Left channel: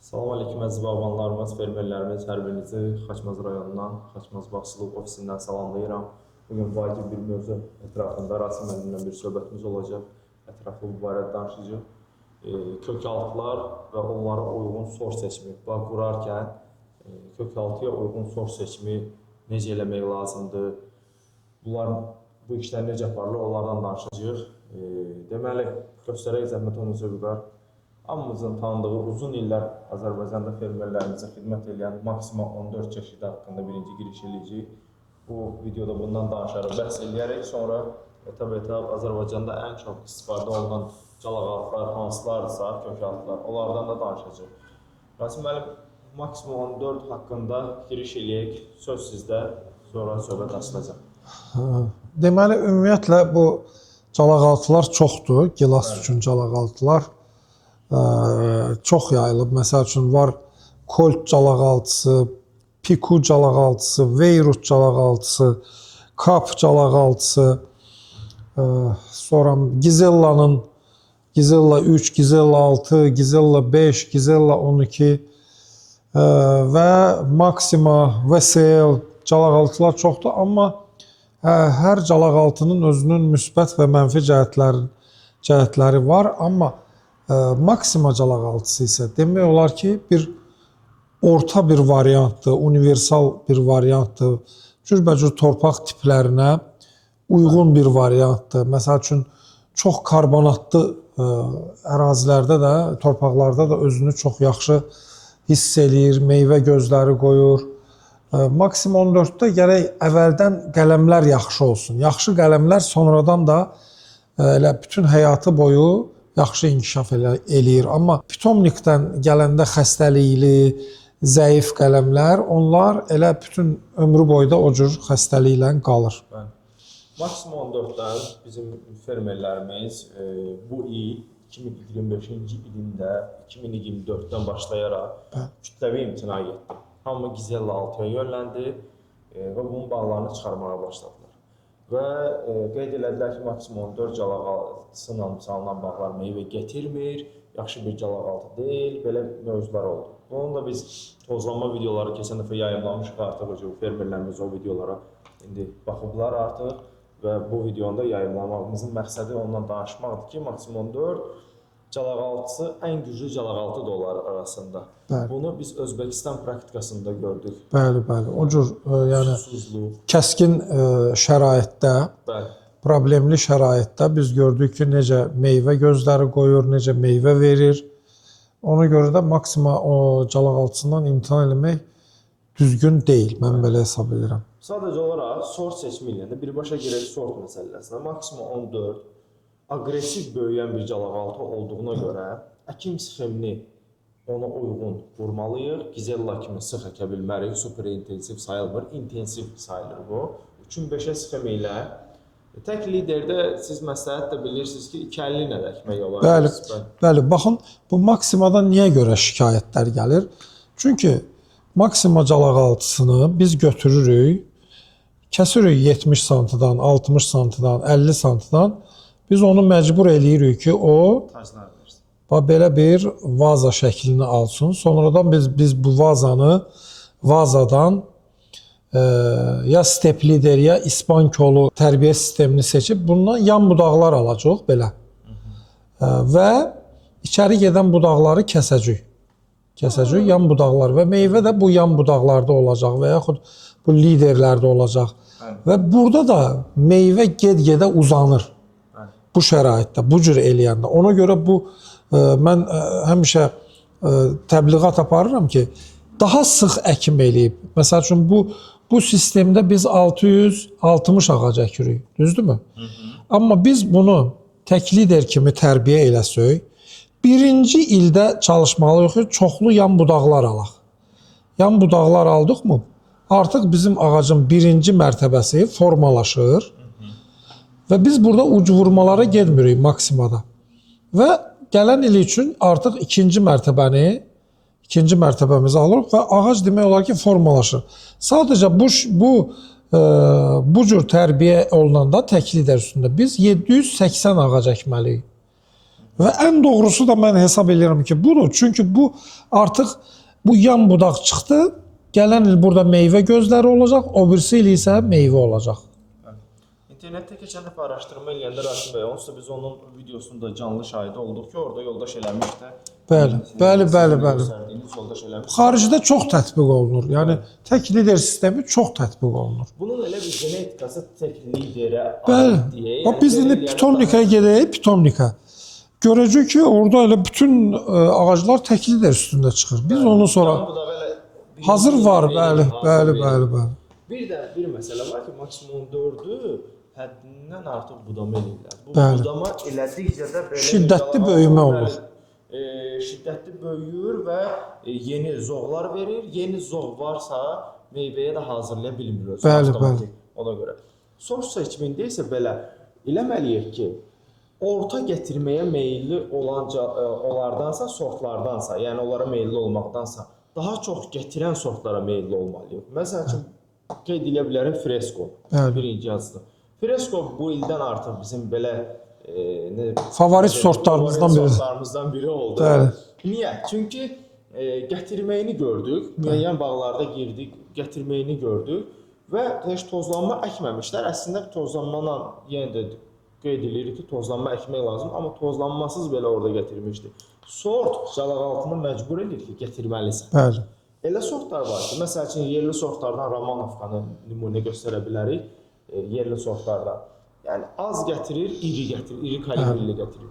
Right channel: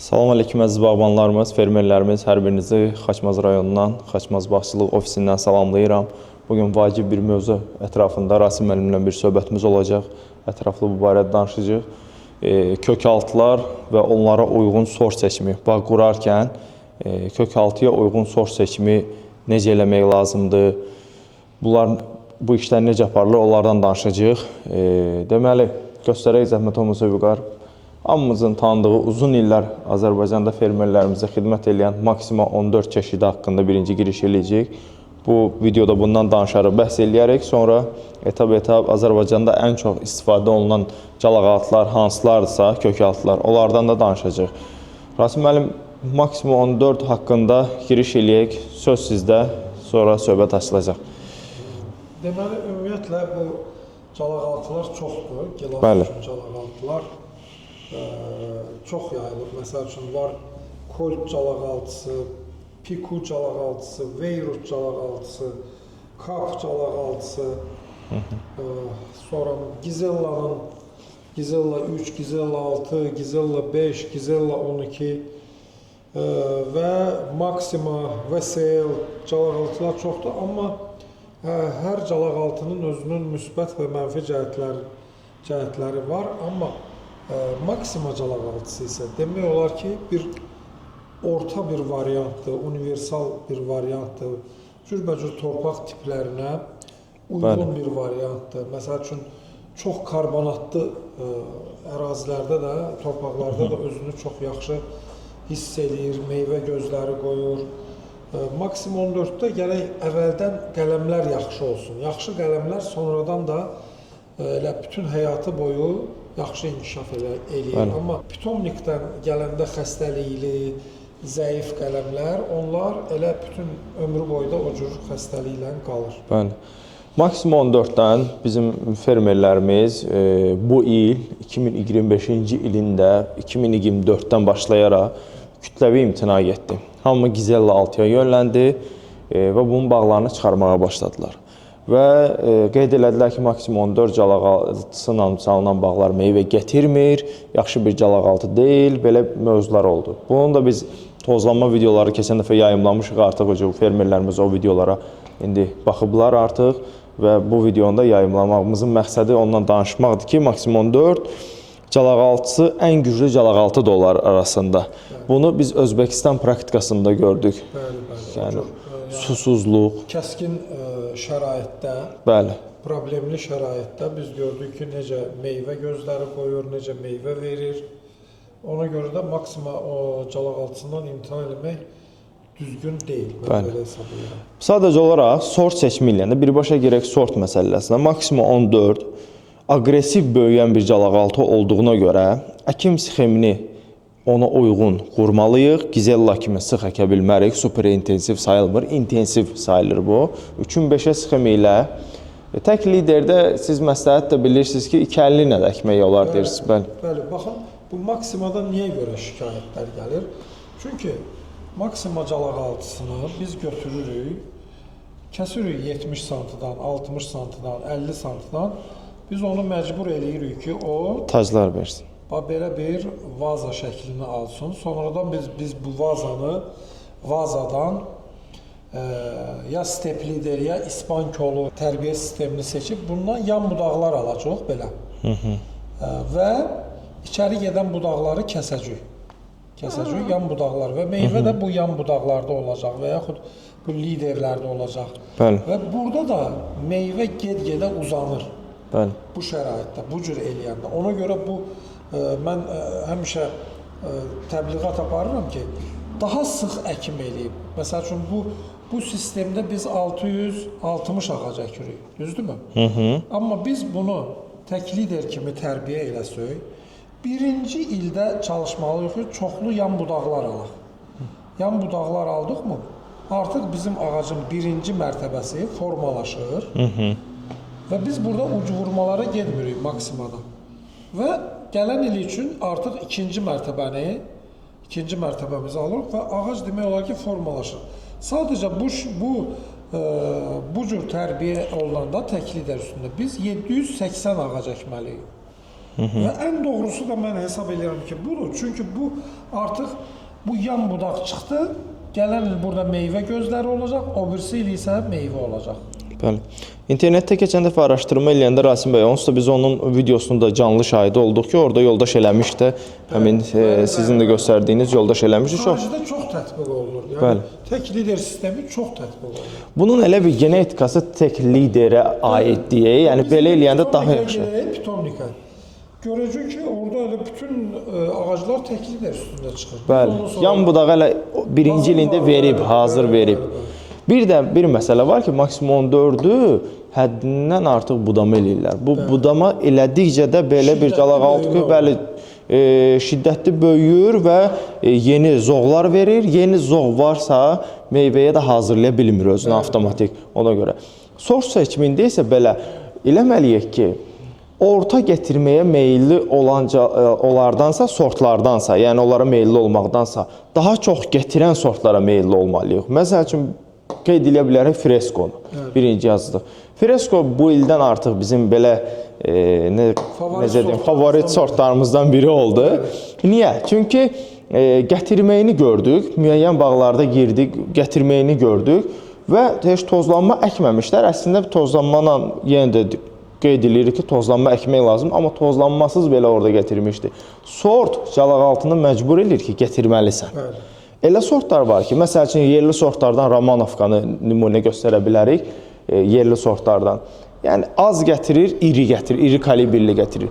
Salam aleyküm əziz bağbanlarımız, fermerlərimiz, hər birinizi Xaçmaz rayonundan, Xaçmaz Bağçılıq ofisindən salamlayıram. Bugün vacib bir mövzu ətrafında Rasim müəllimlə bir söhbətimiz olacaq. Ətraflı bu barədə danışacağıq. Kökaltılar və onlara uyğun sort seçimi. Bağ qurarkən kökaltıya uyğun sort seçimi necə eləmək lazımdır? Bu işlər necə aparılır, onlardan danışacağıq. Deməli, göstərək zəhmət olmasa Vüqar. Hamımızın tanıdığı uzun illər Azərbaycanda fermerlərimizə xidmət edən Maxima 14 çeşidi haqqında birinci giriş eləyəcək. Bu videoda bundan danışarıq, bəhs eləyərək, sonra etab-etab Azərbaycanda ən çox istifadə olunan calaqaltılar hansılardırsa, kökaltılar, onlardan da danışacaq. Rasim müəllim, Maxima 14 haqqında giriş eləyək, söz sizdə, sonra söhbət açılacaq. Deməli, ümumiyyətlə bu calaqaltılar çoxdur, gilas üçün calaqaltılar. Çox yayılıb. Məsəl üçün var Colt calaqaltısı, Piku calaqaltısı, Veyrut calaqaltısı, Kap calaqaltısı, sonra Gizella 3, Gizella 6, Gizella 5, Gizella 12 və Maxima, VSL calaqaltılar çoxdur. Amma hər calaqaltının özünün müsbət və mənfi cəhətləri var. Amma Maxima calaqaltısı isə demək olar ki, orta bir variantdır, universal bir variantdır. Cürbəcür torpaq tiplərinə uyğun bir variantdır. Məsəl üçün, çox karbonatlı ərazilərdə də, torpaqlarda da özünü çox yaxşı hiss eləyir, meyvə gözləri qoyur. Maxima 14-də gərək əvvəldən qələmlər yaxşı olsun. Yaxşı qələmlər sonradan da bütün həyatı boyu yaxşı inkişaf eləyir. Amma pitomnikdən gələndə xəstəlikli, zəif qələmlər, onlar elə bütün ömrü boyda o cür xəstəliklə qalır. Bəli. Maxima 14-dən bizim fermerlərimiz bu il 2025-ci ilində 2024-dən başlayaraq kütləvi imtina etdi. Hamı Gizella 6-ya yönləndi və bunun bağlarını çıxarmağa başladılar. Və qeyd elədilər ki, Maxima 14 calaqaltısıyla salınan bağlar meyvə gətirmir, yaxşı bir calaqaltı deyil, belə mövzular oldu. Bunun da biz tozlanma videoları keçən dəfə yayımlamışıq artıq, fermerlərimiz o videolara indi baxıblar artıq və bu videonu da yayımlamağımızın məqsədi ondan danışmaqdır ki, Maxima 14 calaqaltısı ən güclü calaqaltı da onlar arasında. Bəli. Bunu biz Özbəkistan praktikasında gördük. Bəli, bəli. O cür susuzluq, kəskin şəraitdə, bəli, problemli şəraitdə biz gördük ki, necə meyvə gözləri qoyur, necə meyvə verir. Ona görə də Maxima o calaqaltısından imtina eləmək düzgün deyil, mən belə hesab edirəm. Sadəcə olaraq sort seçimi ilə birbaşa gerək sort məsələsinə Maxima 14 aqressiv böyüyən bir calaqaltı olduğuna görə əkim sxemini ona uyğun qurmalıyıq. Gizella kimi sıx əkə bilmərik, super intensiv sayılmır, intensiv sayılır bu. 3-5-ə sxemi ilə tək liderdə siz məsləhət də bilirsiniz ki, 250 ilə də əkmək olar. Bəli, baxın, bu Maximada niyə görə şikayətlər gəlir? Çünki Maxima calaqaltısını biz götürürük, kəsirik 70 santıdan, 60 santıdan, 50 santıdan. Biz onu məcbur eləyirik ki, o taclar versin. Belə bir vaza şəklini alsın. Sonradan biz bu vazadan ya steplidir, ya ispan kolu tərbiyə sistemini seçib bundan yan budaqlar alacaq belə. Və içəri gedən budaqları kəsəcək. Yan budaqlar və meyvə də bu yan budaqlarda olacaq və yaxud bu liderlərdə olacaq. Bəli. Və burada da meyvə get-gedə uzanır. Bəli. Bu şəraitdə, bu cür eləyəndə. Ona görə mən həmişə təbliğat aparıram ki, daha sıx əkim eləyib. Məsəl üçün, bu sistemdə biz 660 ağac əkirik, düzdürmü? Amma biz bunu tək lider kimi tərbiyə eləsək, birinci ildə çalışmalıyıq ki, çoxlu yan budaqlar alaq. Yan budaqlar aldıqmı, artıq bizim ağacın birinci mərtəbəsi formalaşır. Və biz burada uc vurmalara gedmirik Maximada. Və gələn il üçün artıq ikinci mərtəbəmizi alırıq və ağac demək olar ki, formalaşır. Sadəcə bu cür tərbiyə olunanda tək lider üstündə biz 780 ağac əkməliyik. Və ən doğrusu da mən hesab edirəm ki, budur. Çünki bu artıq bu yan budaq çıxdı. Gələn il burada meyvə gözləri olacaq, o birisi il isə meyvə olacaq. Bəli. İnternetdə keçən dəfə araşdırma eləyəndə Rasim bəy, onsuz da biz onun videosunda canlı şahidi olduq ki, orada yoldaş eləmiş də, həmin sizin də göstərdiyiniz yoldaş eləmiş. Xaricdə çox tətbiq olunur. Yəni tək lider sistemi çox tətbiq olunur. Bunun elə bir genetikası tək liderə aid deyə, yəni belə eləyəndə daha Pitomnikaya gedək, pitomnika. Görəcək ki, orada elə bütün ağaclar tək lider üstündə çıxır. Biz onu sonra yan budağı elə birinci ilində verib, hazır verib. Bir də bir məsələ var ki, maksimum 4-ü həddindən artıq budama eləyirlər. Bu budama elədikcə də belə bir qalaqaltı bəli şiddətli böyüyür və yeni zoğlar verir. Yeni zoğ varsa meyvəyə də hazırlaya bilmir özünü avtomatik ona görə. Sort seçimində isə belə eləməliyik ki, orta gətirməyə meyilli onlardansa, sortlardansa, yəni onlara meyilli olmaqdansa, daha çox gətirən sortlara meyilli olmalıyıq. Məsəl üçün, qeyd edə bilərək freskonu, birinci yazılıq. Fresko bu ildən artıq bizim belə favorit sortlarımızdan biri oldu. Niyə? Çünki gətirməyini gördük, müəyyən bağlarda girdik, gətirməyini gördük və heç tozlanma əkməmişlər. Əslində tozlanma yenə də qeyd edilir ki, tozlanma əkmək lazım, amma tozlanmasız belə orada gətirmişdi. Sort calaqaltını məcbur edir ki, gətirməlisən. Elə sortlar var ki, məsəl üçün yerli sortlardan Romanovkanı nümunə göstərə bilərik, yerli sortlardan. Yəni az gətirir, iri kalibrli gətirir.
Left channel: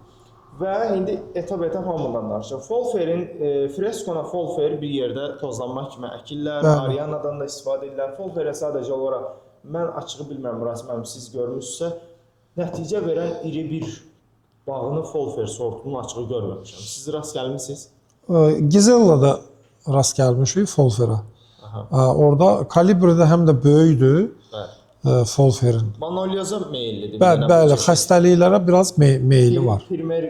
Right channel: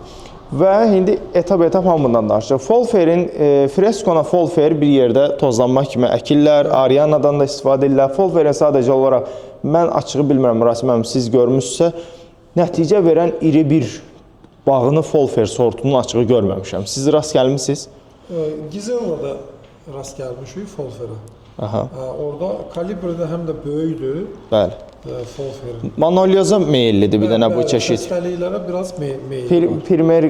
Və indi etap hamından danışacaq. Folferin, freskona folfer bir yerdə tozlanma kimi əkirlər, Arianadan da istifadə edirlər. Folferin sadəcə olaraq, mən açığı bilmirəm, Rasim əmi, siz görmüşsə, nəticə verən iri bir bağını folfer sortunun açığı görməmişəm. Siz rast gəlmişsiniz? Gizella'da rast gəlmişik folferə. Orada kalibrdə həm də böyükdür. Bəli. Folferin. Manolyoza meyillidir bir dənə bu çeşid. Xəstəliklərə biraz meyilli var. Primer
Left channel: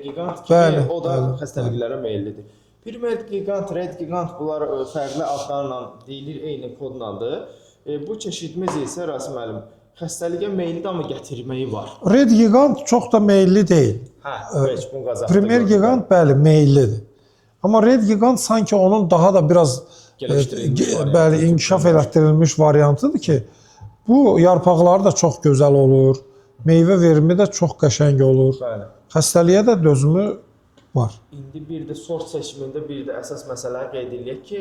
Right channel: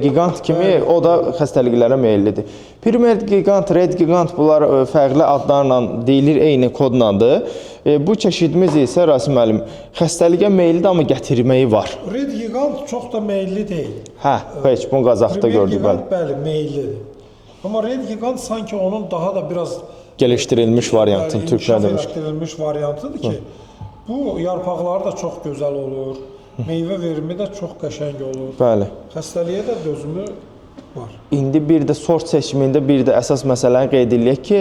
gigant kimi o da xəstəliklərə meyillidir. Primer gigant, red gigant bunlar fərqli adlarla deyilir, eyni kodlandır. Bu çeşidimiz isə Rasim müəllim xəstəliyə meyillidir, amma gətirməyi var. Red gigant çox da meyilli deyil. Heç bunu qazaqda gördüm. Primer gigant bəli meyillidir. Amma red gigant sanki onun daha da biraz gelişdirilmiş variantı, inkişaf elətdirilmiş variantıdır ki, bu yarpaqları da çox gözəl olur, meyvə verimi də çox qəşəng olur. Bəli. Xəstəliyə də dözümü var. İndi bir də sort seçimində bir də əsas məsələni qeyd edək ki,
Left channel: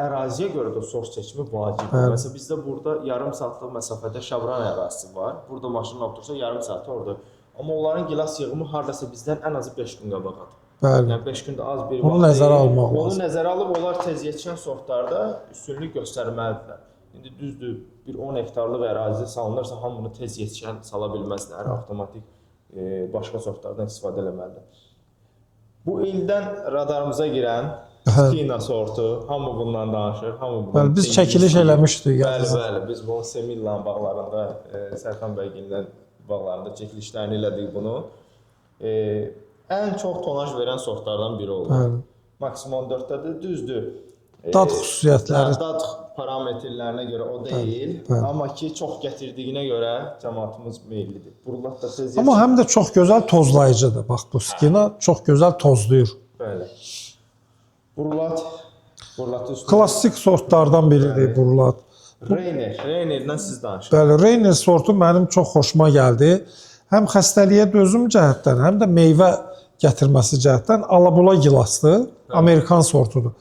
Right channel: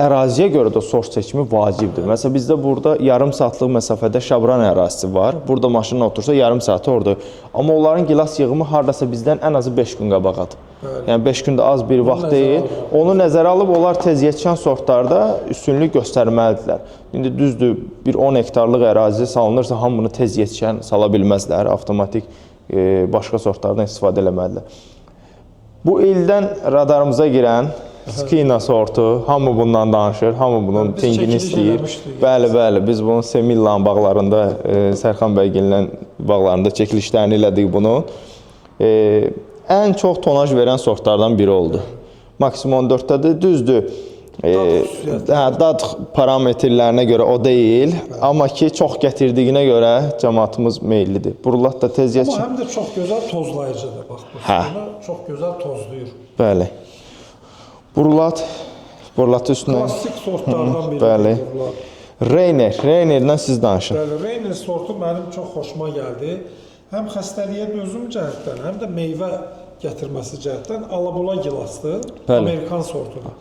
əraziyə görə də sort seçimi vacibdir. Məsələn, bizdə burada yarım saatlıq məsafədə Şabran ərazisi var. Burada maşınla otursa yarım saatı orada. Amma onların gilas yığımı hardasa bizdən ən azı 5 gün qabaqadır. Yəni 5 gündə az bir vaxt deyil. Onu nəzərə alıb onlar tez yetişən sortlarda üstünlük göstərməlidirlər. İndi düzdür, bir 10 hektarlıq ərazi salınırsa hamını tez yetişən sala bilməzlər. Avtomatik başqa sortlardan istifadə eləməlidirlər. Bu ildən radarımıza girən Skina sortu, hamı bundan danışır, hamı bunun biz çəkiliş eləmişdik. Bəli, biz bunu Semillan bağlarında, Sərxan bəygilən bağlarında çəkilişlərini elədik bunu. Ən çox tonaj verən sortlardan biri oldu. Maksimum 4-dədir, düzdür. Dad xüsusiyyətləri. Dad parametrlərinə görə o deyil, amma ki, çox gətirdiyinə görə cəmaatımız meyillidir. Burulat da tez yetişir. Amma həm də çox gözəl tozlayıcıdır. Bax, bu Skina çox gözəl tozlayır. Bəli. Burulat üstünə... Klassik sortlardan biridir burulat. Reynerdən siz danışın. Bəli, Reyner sortu mənim çox xoşuma gəldi. Həm xəstəliyə dözüm cəhətdən, həm də meyvə gətirməsi cəhətdən alabula gilasdır, Amerikan sortudur.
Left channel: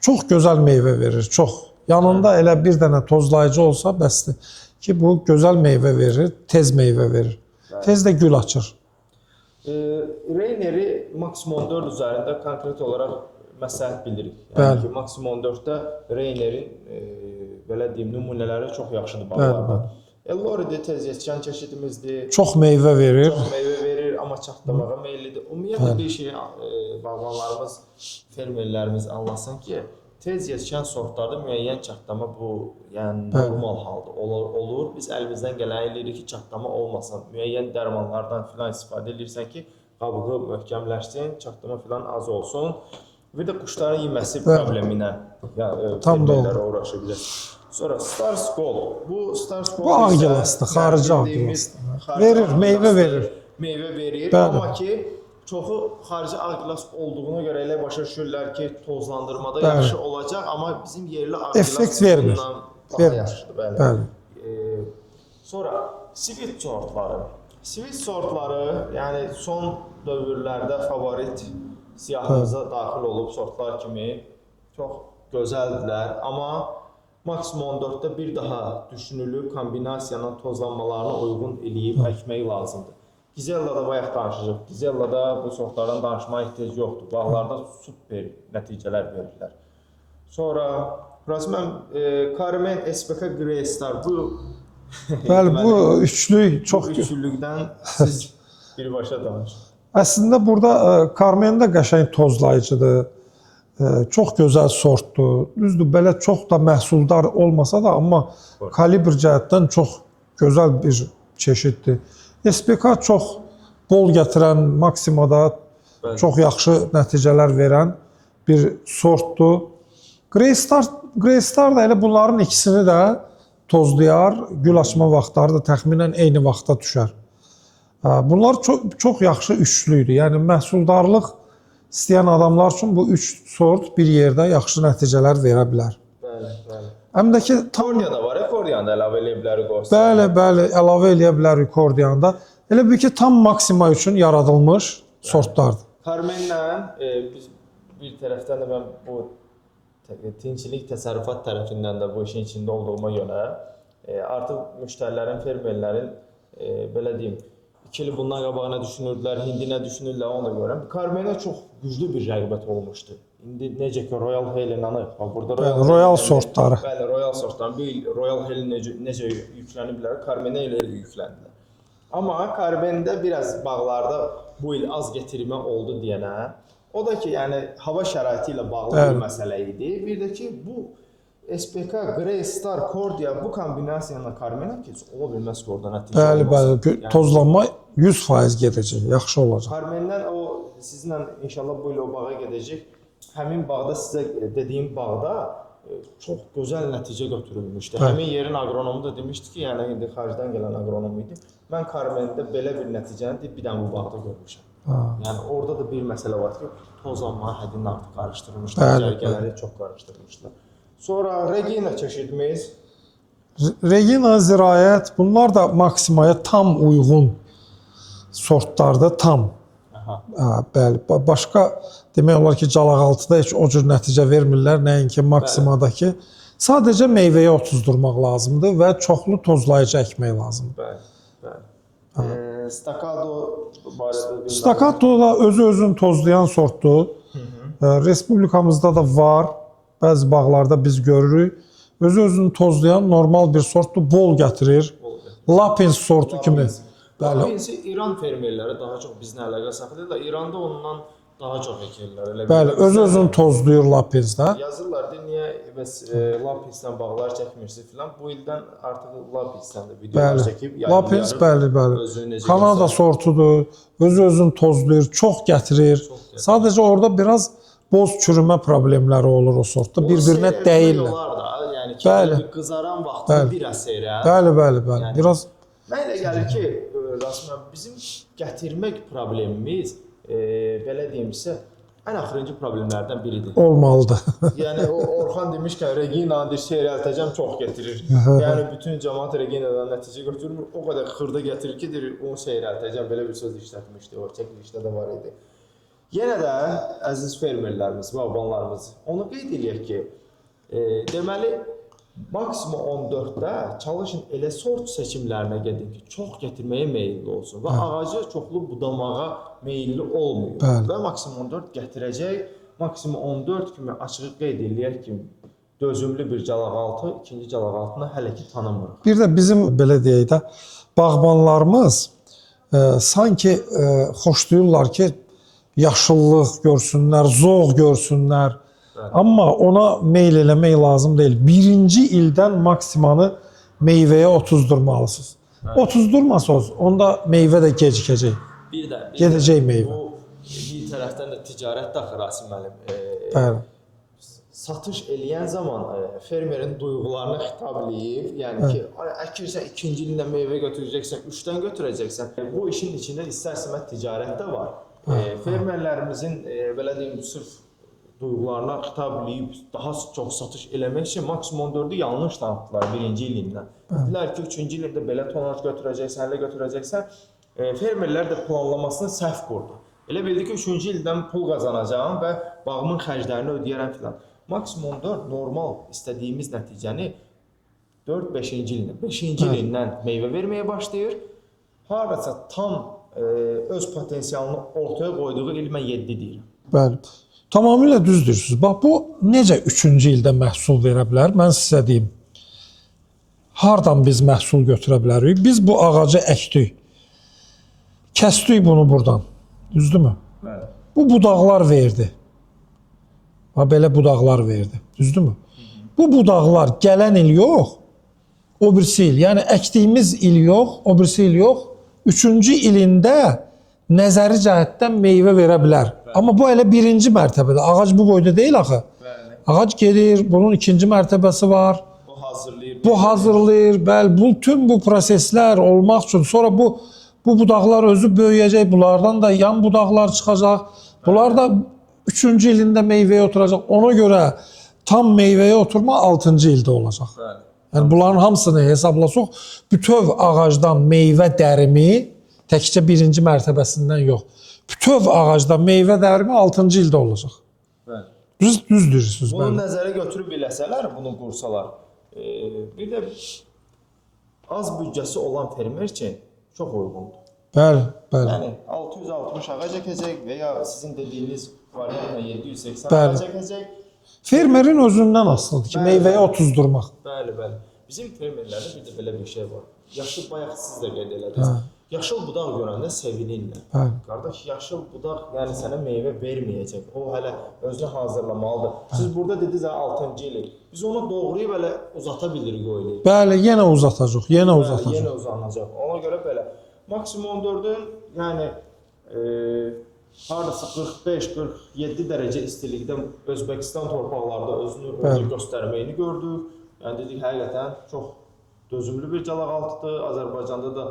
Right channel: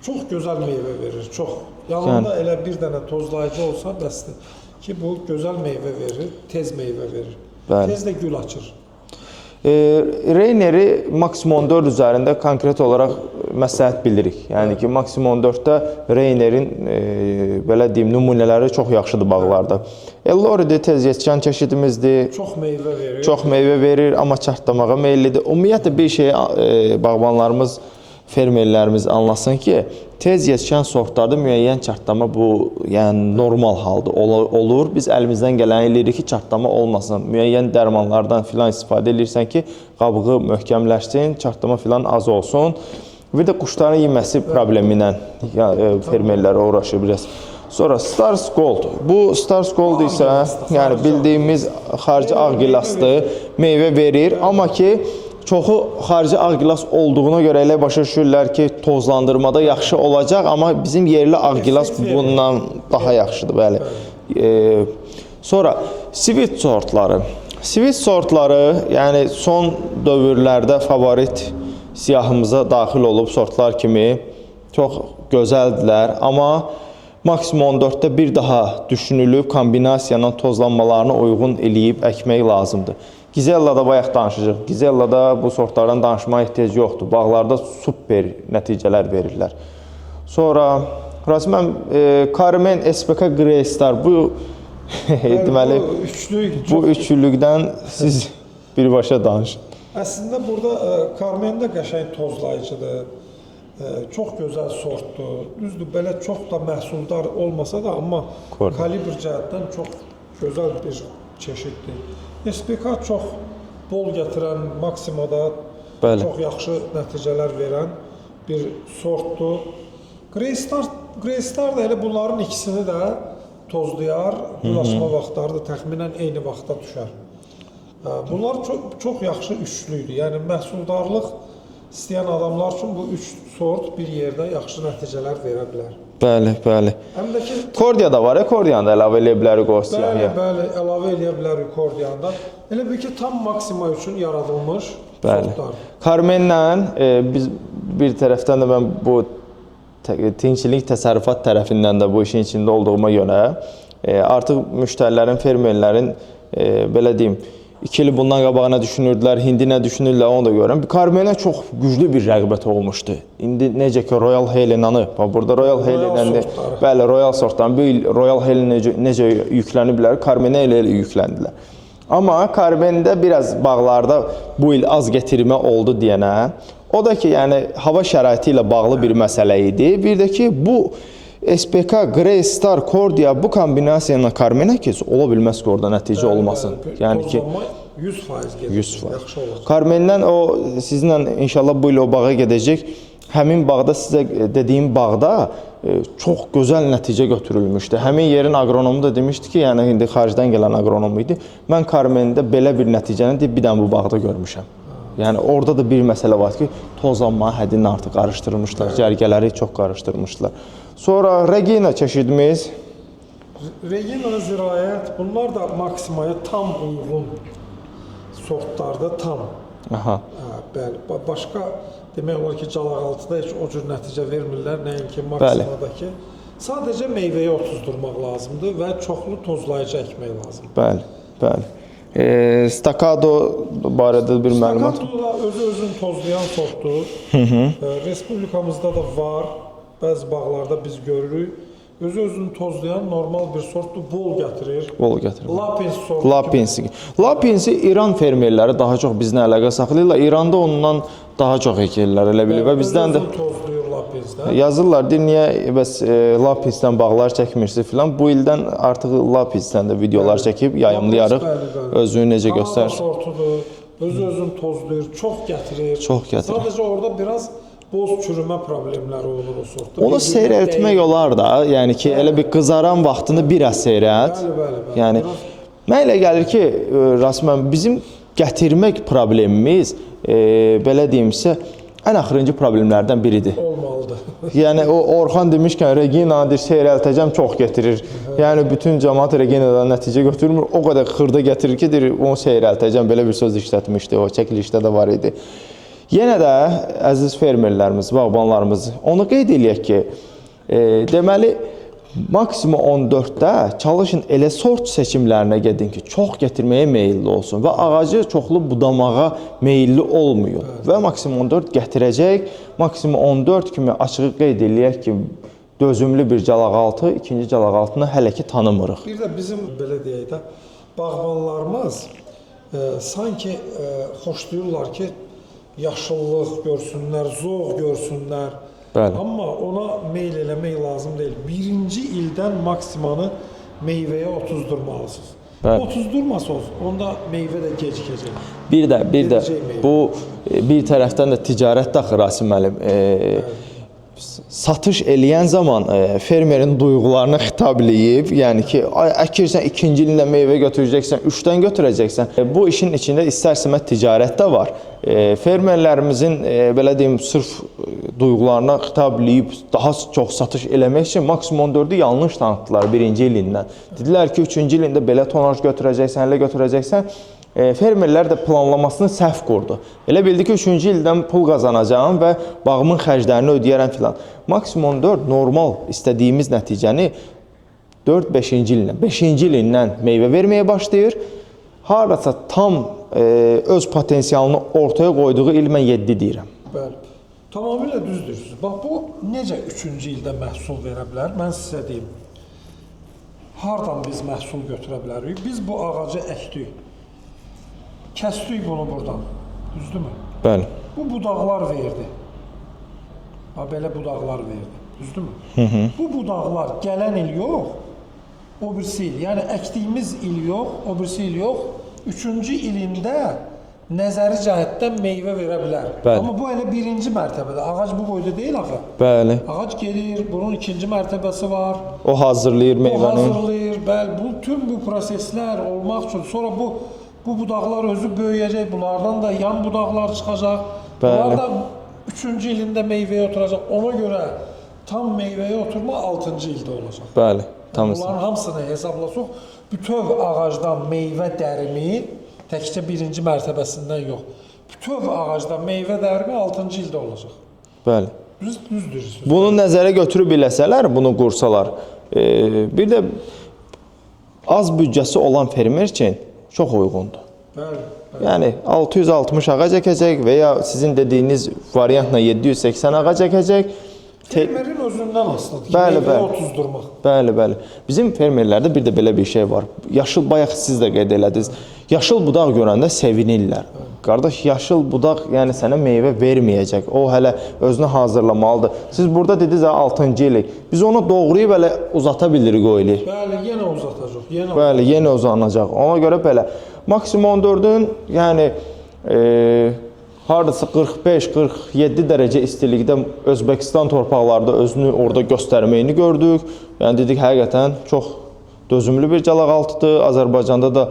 Çox gözəl meyvə verir, çox. Yanında elə bir dənə tozlayıcı olsa bəsdir ki, bu gözəl meyvə verir, tez meyvə verir. Tez də gül açır. Reyneri maksimum 4 üzərində konkret olaraq məsləhət bilirik. Yəni ki, maksimum 4-də Reynerin belə deyim, nümunələri çox yaxşıdır bağlarda. Ellori'de tez yetişən çeşidimizdir. Çox meyvə verir. Çox meyvə verir, amma çartlamağa meyillidir. Ümumiyyətlə bir şey bağbanlarımız, fermerlərimiz anlasın ki, tez yetişən sortlarda müəyyən çartlama bu, yəni normal halda olur. Biz əlimizdən gələni eləyirik ki, çartlama olmasın. Müəyyən dərmanlardan filan istifadə edirsən ki, qabığı möhkəmləşsin, çartlama filan az olsun. Bir də quşların yeməsi problemi ilə fermerlər uğraşır biraz. Sonra Stars Gold. Bu Stars Gold isə yəni bildiyimiz xarici ağ gilasdır, meyvə verir, amma ki, çoxu xarici ağgilas olduğuna görə elə başa düşürlər ki, tozlandırmada yaxşı olacaq, amma bizim yerli ağgilas Effekt vermir. bundan daha yaxşıdır, bəli. Sonra sweet sortları. Sweet sortları, yəni son dövrlərdə favorit siyahımıza daxil olub sortlar kimi çox gözəldilər, amma maksimum 14-də bir daha düşünülüb kombinasiyanın tozlanmalarına uyğun eləyib əkmək lazımdır. Gizellada bayaq danışacaq. Gizellada bu sortlardan danışmaya ehtiyac yoxdur. Bağlarda super nəticələr verirlər. Sonra Rasimən, Carmen SPK Greystar bu Bəli, bu üçlük çox... Bu üçlükdən siz birbaşa danışın. Əslində burada Carmen də qəşəng tozlayıcıdır. Çox gözəl sortdur. Düzdür, belə çox da məhsuldar olmasa da, amma kalibr cəhətdən çox gözəl bir çeşiddir. SPK çox bol gətirən, maksimada çox yaxşı nəticələr verən bir sortdur. Greystar da elə bunların ikisini də tozlayar, gül açma vaxtları da təxminən eyni vaxta düşər. Bunlar çox yaxşı üçlüydür. Yəni məhsuldarlıq istəyən adamlar üçün bu üç sort bir yerdə yaxşı nəticələr verə bilər. Bəli, bəli. Həm də ki, Kordiya da var, Kordiyanı da əlavə eləyə bilərik o siyahıya. Bəli, əlavə eləyə bilərik Kordiyanı da. Elə bir ki, tam maksima üçün yaradılmış sortlardır. Carmenlə biz bir tərəfdən də mən bu tinçilik təsərrüfat tərəfindən də bu işin içində olduğuma görə artıq müştərilərin, fermerlərin belə deyim, 2 il bundan qabağına düşünürdülər, hindi nə düşünürlər onu da görürəm. Carmenə çox güclü bir rəğbət olmuşdu. İndi necə ki Royal Helenanı, burada Royal sortları. Bəli, Royal sortları. Bu il Royal Helen necə yükləniblər, Carmenə elə yükləndilər. Amma Carmen'də biraz bağlarda bu il az gətirmə oldu deyənə, o da ki, yəni hava şəraiti ilə bağlı bir məsələ idi. Bir də ki, bu SPK, Greystar, Kordiya bu kombinasiyanla Carmenə kes ola bilməz ki, orada nəticə olmasın. Bəli, tozlanma 100% gedəcək, yaxşı olacaq. Carmen'dən o sizinlə inşallah bu il o bağa gedəcək. Həmin bağda sizə dediyim bağda çox gözəl nəticə götürülmüşdü. Həmin yerin aqronomu da demişdi ki, yəni indi xaricdən gələn aqronom idi. Mən Carmen'də belə bir nəticəni bir dənə bu bağda görmüşəm. Yəni orada da bir məsələ var ki, tozlanma həddini artıq qarışdırmışlar, cərgələri çox qarışdırmışlar. Sonra Regina çeşidimiz. Regina, Zirayət, bunlar da maksimaya tam uyğun sortlarda tam. Bəli, başqa demək olar ki, calaqaltıda heç o cür nəticə vermirlər, nəinki maksimadakı. Sadəcə meyvəyə otuzdurmaq lazımdır və çoxlu tozlayıcı əkmək lazımdır. Bəli, bəli. Stakado barədə bir məlumat. Stakado da özü-özünü tozlayan sortdur. Respublikamızda da var. Bəzi bağlarda biz görürük. Özü-özünü tozlayan normal bir sortdur, bol gətirir. Bol gətirir. Lapins sortu kimi. Lapinsi İran fermerləri daha çox bizlə əlaqə saxlayırlar. İranda ondan daha çox əkirlər, elə bilir. Bəli, özü-özünü tozlayır Lapinsdə. Yazırlar, niyə bəs Lapinsdən bağlar çəkmirsiniz filan. Bu ildən artıq Lapinsdən də videolar çəkib yayımlayarıq. Özünü necə göstərir. Kanada sortudur, özü-özünü tozlayır, çox gətirir. Sadəcə orada biraz boz çürümə problemləri olur o sortda. Onu seyrəltmək olar da, yəni ki, elə bir qızaran vaxtını biraz seyrəlt. Bəli. Yəni, mən elə gəlir ki, Rasmən, bizim gətirmək problemimiz, belə deyimsə, ən axırıncı problemlərdən biridir. Olmalıdır. Yəni, o Orxan demişkən, Regina'dır, seyrəltəcəm, çox gətirir. Yəni, bütün cəmaat Regina'dan nəticə götürmür, o qədər xırda gətirir ki, onu seyrəltəcəm, belə bir söz işlətmişdi, o çəkilişdə də var idi. Yenə də, əziz fermerlərimiz, bağbanlarımız, onu qeyd eləyək ki, deməli, maksimum 14-də çalışın elə sort seçimlərinə gedin ki, çox gətirməyə meyilli olsun və ağacı çoxlu budamağa meyilli olmuyor. Və maksimum 14 gətirəcək, maksimum 14 kimi açığı qeyd eləyək ki, dözümlü bir calaqaltı, ikinci calaqaltını hələ ki tanımırıq. Bir də bizim, belə deyək də, bağbanlarımız sanki xoşlayırlar ki, yaşıllıq görsünlər, zoğ görsünlər. Amma ona meyl eləmək lazım deyil. Birinci ildən maksimanı meyvəyə otuzdurmalısınız. Otuzdurmasanız, onda meyvə də gecikəcək. Bir də bu bir tərəfdən də ticarət daxil Rasim müəllim. satış eləyən zaman fermerin duyğularına xitab eləyib, yəni ki, əkirsən 2-ci ilində meyvə götürəcəksən, 3-dən götürəcəksən. Bu işin içində istər-istəməz ticarət də var. Fermerlərimizin belə deyim, sırf duyğularına xitab eləyib daha çox satış eləmək üçün maksimum 4-ü yanlış tanıtdılar 1-ci ilindən. Dedilər ki, 3-cü ilində belə tonaj götürəcəksən, elə götürəcəksən. Fermerlər də planlamasını səhv qurdu. Elə bildi ki, 3-cü ildən pul qazanacağım və bağımın xərclərini ödəyərəm filan. Maksimum 4 normal istədiyimiz nəticəni 4-5-ci ildən, 5-ci ilindən meyvə verməyə başlayır. Harasa tam öz potensialını ortaya qoyduğu il mən 7 deyirəm. Bəli. Tamamilə düz deyirsiniz. Bax, bu necə 3-cü ildə məhsul verə bilər? Mən sizə deyim. Hardan biz məhsul götürə bilərik? Biz bu ağacı əkdik. Kəsdik bunu buradan. Düzdürmü? Bəli. Bu budaqlar verdi. Ha, belə budaqlar verdi. Düzdürmü? Bu budaqlar gələn il yox, o birisi il. Yəni əkdiyimiz il yox, o birisi il yox. 3-cü ilində nəzəri cəhətdən meyvə verə bilər. Bəli. Amma bu elə 1-ci mərtəbədə. Ağac bu boyda deyil axı. Bəli. Ağac gedir, bunun 2-ci mərtəbəsi var. O hazırlayır meyvəni. Bu hazırlayır. Bəli, bütün bu proseslər olmaq üçün sonra bu budaqlar özü böyüyəcək, bunlardan da yan budaqlar çıxacaq. Bəli. Bunlar da 3-cü ilində meyvəyə oturacaq. Ona görə tam meyvəyə oturma 6-cı ildə olacaq. Bəli. Yəni, bunların hamısını hesablasaq, bütöv ağacdan meyvə dərimi təkcə 1-ci mərtəbəsindən yox. Bütöv ağacdan meyvə dərimi 6-cı ildə olacaq. Bəli. Düz deyirsiniz. Bunu nəzərə götürüb eləsələr, bunu qursalar, bir də az büdcəsi olan fermer üçün çox uyğundur. Bəli, bəli. Yəni 660 ağac əkəcək və ya sizin dediyiniz variantla 780 Bəli. ağac əkəcək. Fermerin özündən asılıdır ki, Bəli, meyvəyə bəli. otuzdurmaq. Bəli, bəli. Bizim fermerlərdə bir də belə bir şey var. Yaşıl, bayaq siz də qeyd elədiniz. Yaşıl budaq görəndə sevinirlər. Qardaş, yaşıl budaq yəni sənə meyvə verməyəcək. O hələ özünü hazırlamalıdır. Siz burada dediniz 6-cı illik. Biz onu doğrayıb elə uzata bilirik o ili. Bəli, yenə uzatacaq, yenə uzatacaq. Bəli, yenə uzanacaq. Ona görə belə maksimum 14-ün yəni hardasa 45-47 dərəcə istilikdə Özbəkistan torpaqlarında özünü orada göstərməyini gördük. Yəni dedik, həqiqətən çox dözümlü bir calaqaltıdır. Azərbaycanda da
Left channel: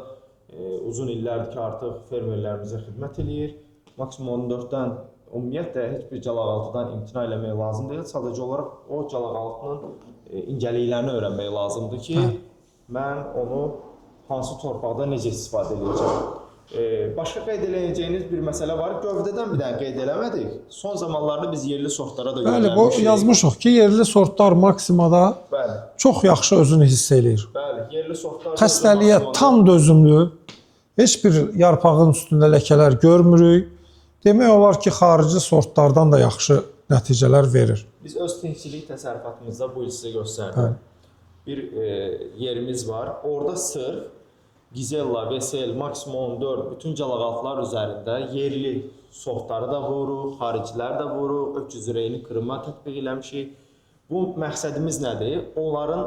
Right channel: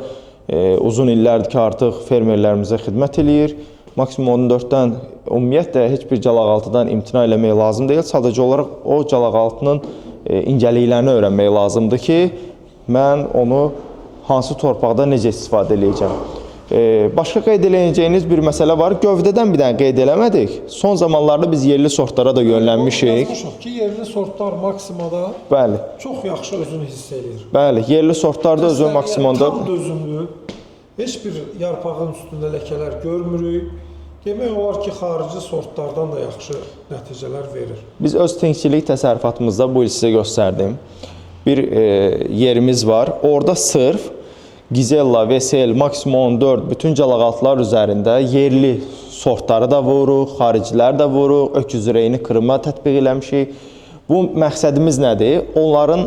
uzun illərdir ki, artıq fermerlərimizə xidmət eləyir. Maksimum 14-dən ümumiyyətlə heç bir calaqaltıdan imtina eləmək lazım deyil. Sadəcə olaraq o calaqaltının incəliklərini öyrənmək lazımdır ki, mən onu hansı torpaqda necə istifadə edəcəm. Başqa qeyd edəcəyiniz bir məsələ var. Gövdədən bir dənə qeyd eləmədik. Son zamanlarda biz yerli sortlara da yönlənmişik. Yazmışıq ki, yerli sortlar maksimada Bəli. çox yaxşı özünü hiss eləyir. Bəli, yerli sortlar da özü Xəstəliyə maksimumda. tam dözümlü, heç bir yarpağın üstündə ləkələr görmürük. Demək olar ki, xarici sortlardan da yaxşı nəticələr verir. Biz öz tingçilik təsərrüfatımızda bu il sizə göstərdim. Bir yerimiz var. Orada sırf Gizella, VSL, maksimum 4 bütün calaqaltılar üzərində yerli sortları da vuruq, xaricilər də vuruq, öküz ürəyini qırma tətbiq eləmişik. Bu məqsədimiz nədir? Onların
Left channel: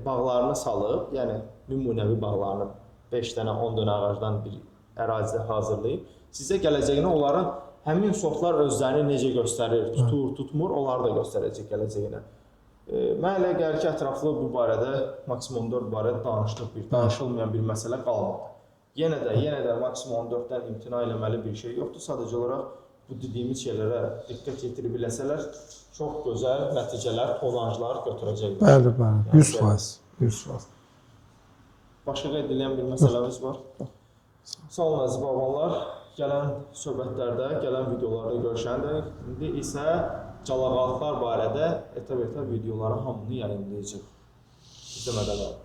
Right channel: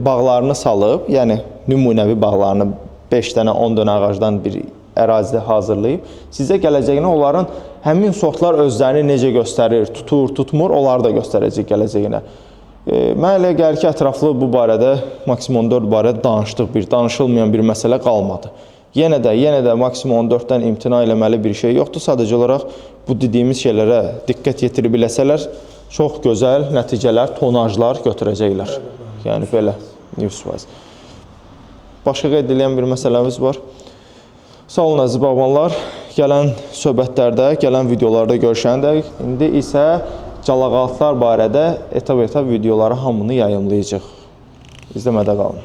bağlarını salıb, yəni nümunəvi bağlarını 5 dənə, 10 dənə ağacdan bir ərazidə hazırlayıb, sizə gələcəyinə onların həmin sortlar özlərini necə göstərir, tutur, tutmur, onları da göstərəcək gələcəyinə. Mən elə gəlir ki, ətraflı bu barədə, maksimum 4 barədə danışdıq, danışılmayan bir məsələ qalmadı. Yenə də maksimum 4-dən imtina eləməli bir şey yoxdur. Sadəcə olaraq bu dediyimiz şeylərə diqqət yetirib biləsələr, çox gözəl nəticələr, tonajlar götürəcəklər. Bəli, bəli. Yəni belə 100%. Başqa qeyd edilən bir məsələmiz var. Sağ olun əziz bağbanlar. Gələn söhbətlərdə, gələn videolarda görüşəndək. İndi isə calaqaltılar barədə etap videoları hamını yayımlayacaq. İzləmədə qalın.